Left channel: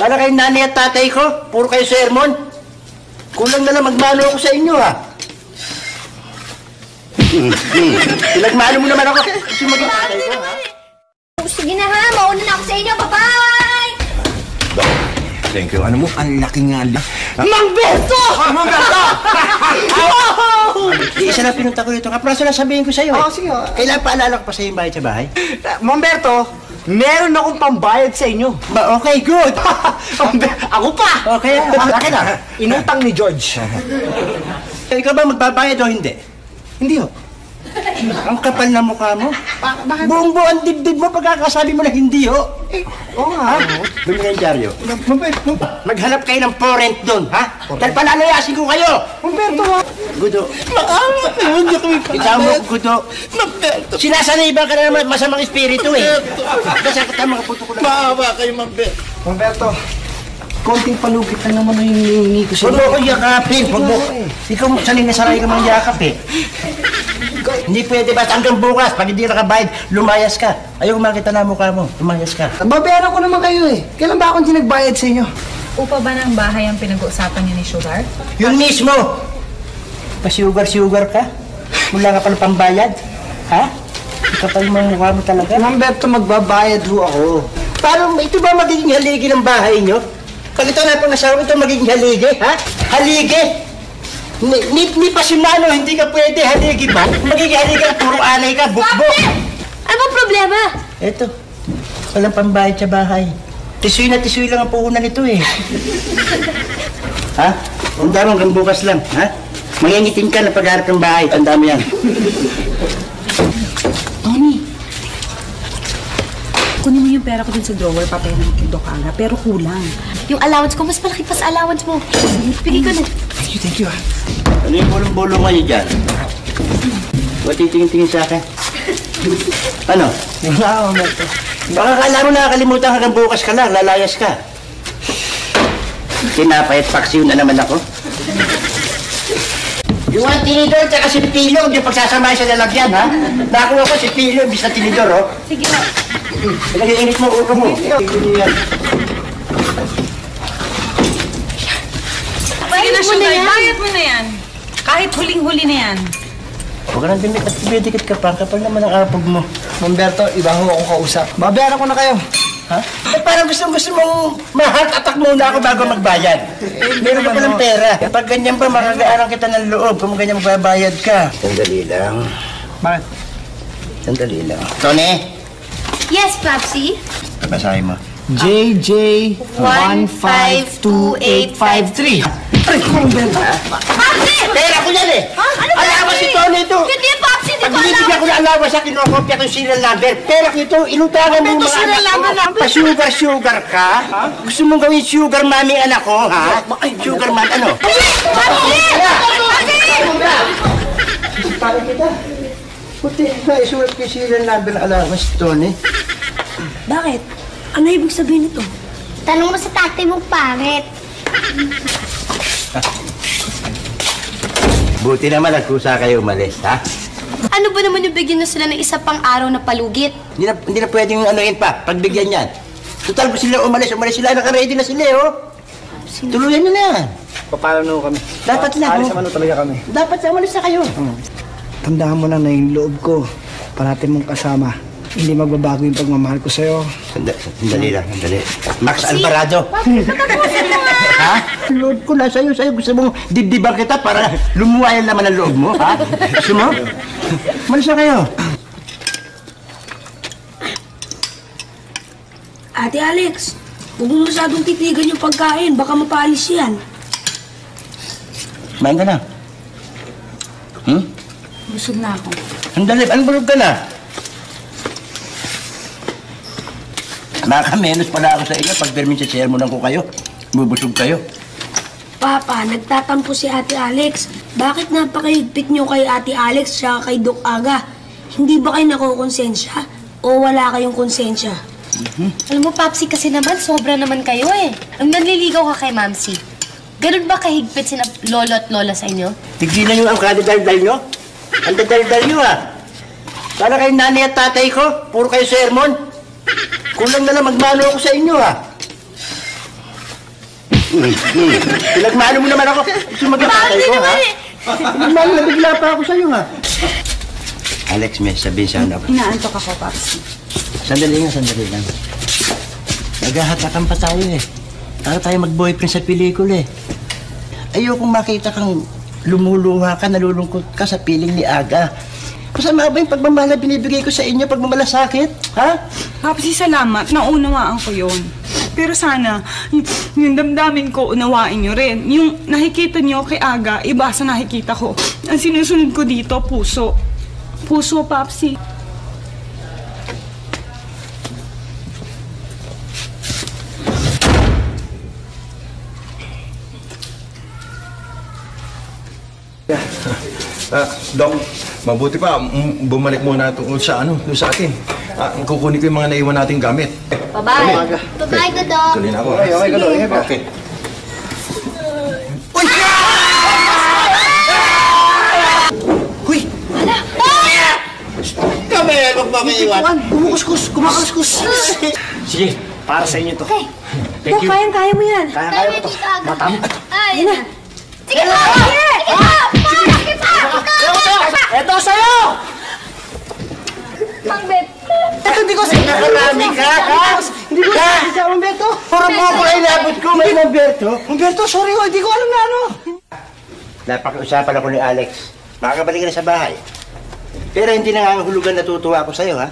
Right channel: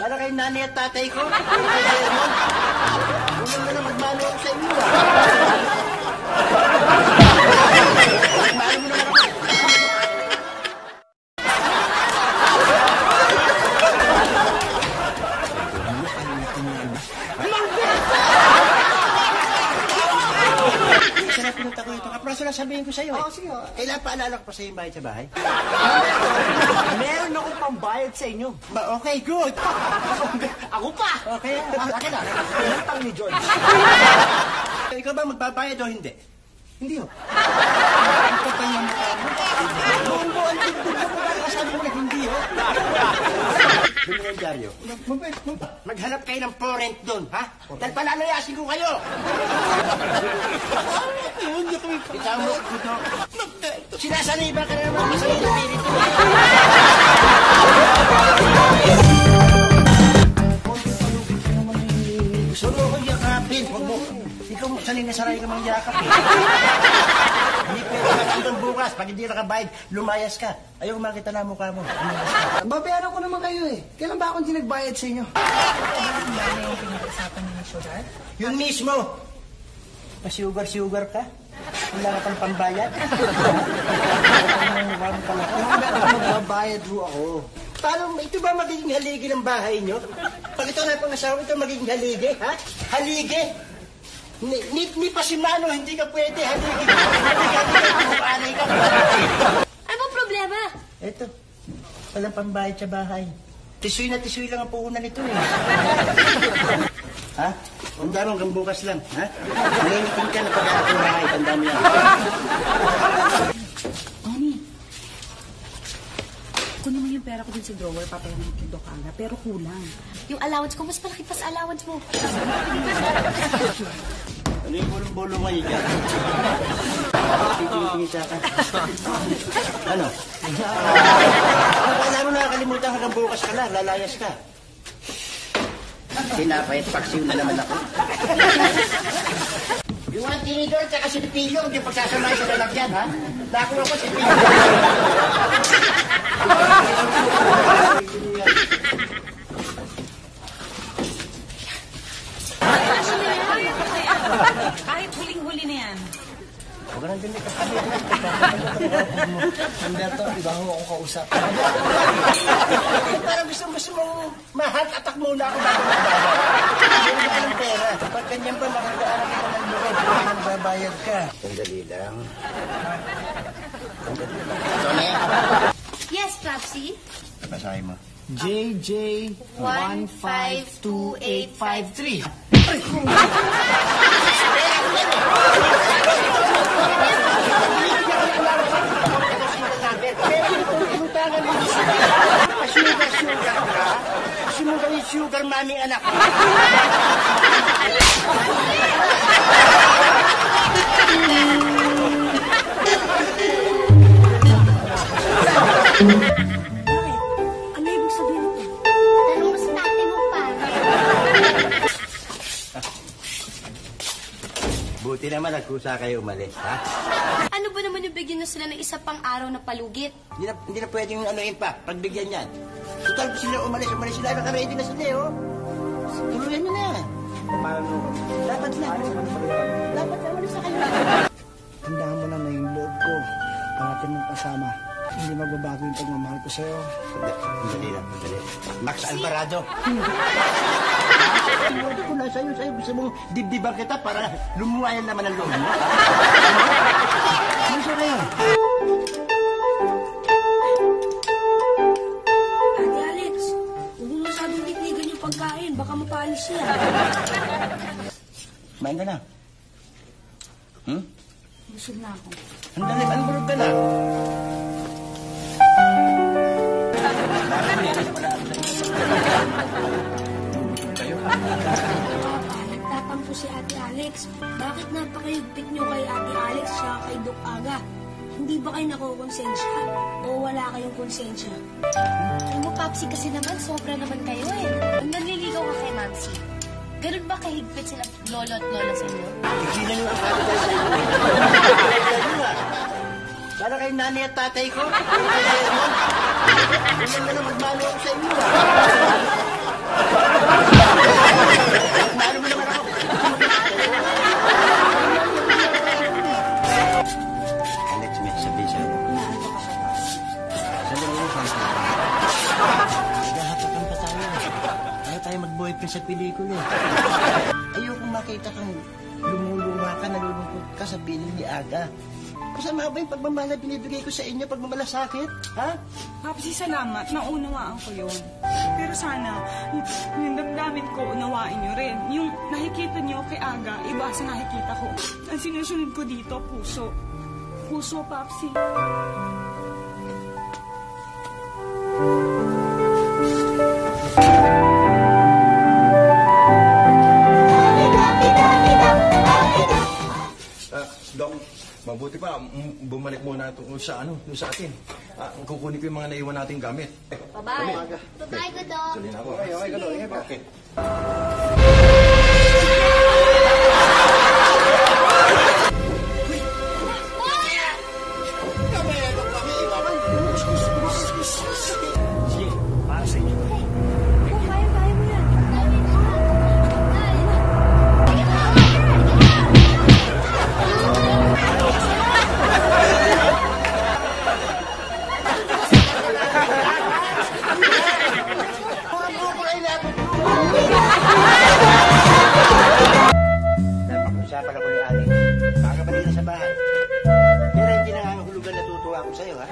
Sana kayo nanay at tatay ko. Puro kayo sermon. Kulang na lang magmano ako sa inyo, ha? Pinagmano mo naman ako. Sige na ha, mauna ako sa inyo. Bye! Thank you. Ano mo? Ang laki nga. Mangberto! Isa na pinunta ko dito. Kapraso na sabihin ko sa'yo. Oo, sige. Kailangan paalala ko pa sa'yo yung bayad sa bahay? Mamberto, meron akong pambayad sa inyo. Okay, good. Ako pa! Okay, akin na. Inutang ni George. Ikaw ba magbabayad o hindi? Hindi ho. Ang kapal na mukha mo. Buong-buo ang dibdib mo pagkakasabi mo na hindi, ho. Oo nga. Dominandyaryo. Maghanap kayo ng porent doon, ha? Dahil palalayasin ko kayo. Mamberto ha? Gudo. Ikaw mo, Gudo. Sinasanay ba ka na naman at masamang espiritu, eh? Mamberto, konting palugit na naman yung hinihingi ko Huwag sa'yo. mo ko yakapin. Huwag mo. Ikaw, sanay na saray ka mga yakap, eh. Hindi pwede ba hanggang bukas, pag hindi nakabayad, lumayas ka. Ayaw makita na mukha mo, lumayas ka. Babayaran ko naman kayo eh. Kailan ba akong nagbayad sa inyo? Upo ba ng bahay ang pinag-uusapan niyo ni Sugar? Yun mismo! Pa-sugar-sugar ka? Wala ka pala pambayad? Ha? Kapag mo mukha mo talaga? Mamberto, magbabayad ho ako. Paano, ito ba magiging haligi ng bahay nyo? Pag ito na pang asawa, ito magiging haligi, ha? Haligi! Ni pasyonano, hindi ka pwede haligi ba? Magiging haligi, puro anay ka, bukbok! Ano ba problema? Eto, walang pambayad sa bahay. Tisoy na tisoy lang ang puhunan nito eh. Ha? Ang dami hanggang bukas lang, ha? Mayangitin ka na pagharap ng bahay, ang dami yan. Tony! Kunin mo yung pera ko dun sa drawer, papayaran ng Doc Aga, pero kulang. Yung allowance ko, mas malaki pa sa allowance mo. Bigay ka na. Thank you ah. Ano yung bulong-bulong kayo dyan? Ba't titingin-tingin sa akin? Ano? Baka kala mo nakakalimutan hanggang bukas ka lang, lalayas ka. Tinapay at paksiw na naman ako. Yung ang tinidor at si Pilong, yung pagsasamahin sa lalagyan, ha? Nakuha ko si Pilong sa tinidor, oh. Mag-iinit mo ulo mo. Sige na, Sugar, bayad mo na yan. Kahit huling-huli na yan. Huwag ka nang dumikit ka pa. Kapag naman ang apog mo. Mamberto, iba ho akong kausap. Babayaran ko na kayo. Ha? Eh, parang gusto mong ma-heart attack muna ako bago magbayad. Meron ka ng pera. Kapag ganyan ba, makagaaran kita ng loob kung ganyan babayad ka. Sandali lang. Bakit? Sandali lang. Tony, Yes, Popsy. basahin mo. JJ 152853. Pera ko yan eh! Alawa si Tony ito! Hindi, Popsy, di ba? Binibigyan ko na alawa sa kinokopya itong serial number. Pera ko ito, inutangan mo yung mga serial number lang. Pa-sugar ka? Gusto mong gawin sugar mommy anak ko, ha? Bakit sugar mommy ano? Isulat ko yung serial number na alawa sa Tony. Bakit? Ano ibig sabihin nito? Tanong mo sa tatay mo, pangit. Buti naman nagkusa kayo umalis, ha? Ano ba naman yung bigyan na sila ng isa pang araw na palugit? Hindi na pwedeng anuin pa, pagbigyan yan. Total, kung sila umalis sila, naka-ready na sila, oh. Tuluyan nyo na yan. Paano na kami? Dapat lang. Alis naman na talaga kami. Dapat na umalis na kayo. Tandaan mo lang na yung loob ko, parati mong kasama. Hindi magbabago yung pagmamahal ko sa'yo. Sandali lang, sandali. Max Alvarado. Ha? Loob ko na sa'yo. Gusto mong dibdiban kita para lumuwayan naman ang loob mo, ha? Gusto mo? Malis na kayo. Ate Alex, huwag mo masyadong titigan yung pagkain. Baka mapaalis yan. Kumain ka na. Busog na ako. Sandali, anong bulog ka na? Nakamenos pala ako sa inyo pag ganun sa sermonan ko kayo. Bubusog kayo. Papa, nagtatampo si Ate Alex. Bakit napakahigpit niyo kay Ate Alex siya kay Doc Aga? Hindi ba kayo nakukonsensya? O wala kayong konsensya? Alam mo, Popsy, kasi naman, sobra naman kayo eh. Nung nanliligaw ka kay Mamsi, ganun ba kahigpit sina lolo at lola sa inyo? Tigilan nyo ang kadadaldal nyo. Ang kadadaldal nyo, ha? Sana kayo nanay at tatay ko. Puro kayo sermon. Kulang na lang magmano ako sa inyo, ha? Pinagmano mo naman ako. Mag-atay ko, ha? Nabigla pa ako sa'yo, ha? Alex, may sabihin sana ako. Inaantok ako, Papsi. Sandali lang. Naghahatakan pa tayo, eh. Para tayo mag-boyfriend sa pelikula, eh. Ayokong makita kang lumuluha ka, nalulungkot ka sa piling ni Aga. Masama ba yung pagmamahal na binibigay ko sa inyo, pagmamalasakit? Ha? Papsi, salamat. Naunawaan ko yon. Pero sana, yung damdamin ko, unawain nyo rin. Yung nakikita nyo kay Aga, iba sa nakikita ko. Ang sinusunod ko dito, puso. Puso, Papsi. Dok, mabuti pa, bumalik muna tungkol sa doon sa atin. Kukunin ko yung mga naiwan nating gamit. Bye-bye. Bye-bye, Dodong. Tuloy na ako. Okay, Dok. Okay. Huy! Kami, magpapaiwan. Kumakuskus. Sige, para sa inyo to. Thank you. Kaya mo yan. Kaya mo to. Ay, na. Sige pa! Sige pa! Sige pa! Ito sa'yo! Ito hindi ko sinakarami ka, ha? Hindi ko sinakarami ito. Puro mo ako ay labot ko, may number ko. Ito sa'yo, hindi ko. Napag-usapan ako ni Alex. Makakabalik na sa bahay. Pero hindi nangangahulugan natutuwa ako sa'yo, ha?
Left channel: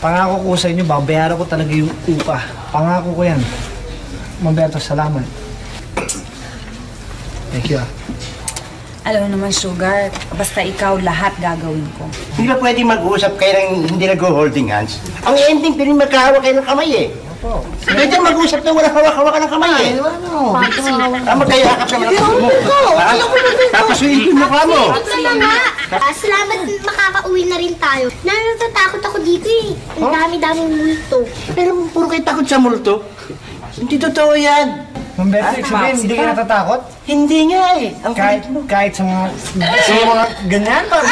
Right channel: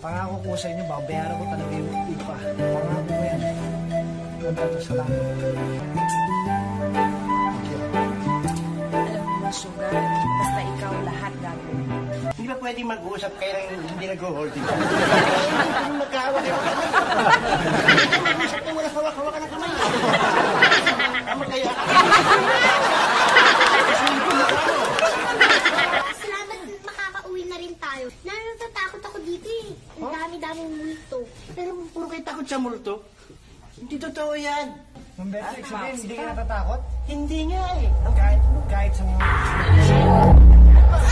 Pangako ko sa inyo, babayaran ko talaga yung upa. Pangako ko yan. Mamberto, salamat. Thank you. Alam mo naman, Sugar, basta ikaw lahat gagawin ko. Hindi ba pwede mag-uusap kayo ng hindi nag-holding hands? Ang ending, piling magkahawak kayo ng kamay, eh. Pwede mag-usap na wala hawak-hawak ng kamay, eh. Magkaya ka pa mo. Tapos yung mukha mo. Salamat makakauwi na rin tayo. Natatakot ako dito eh. Ang dami-daming multo. Pero puro kayo takot sa multo. Hindi totoo yan. Mamberto, ibig sabihin, hindi ka natatakot? Hindi nga, eh. Ang Kahit sa mga ganyan, parang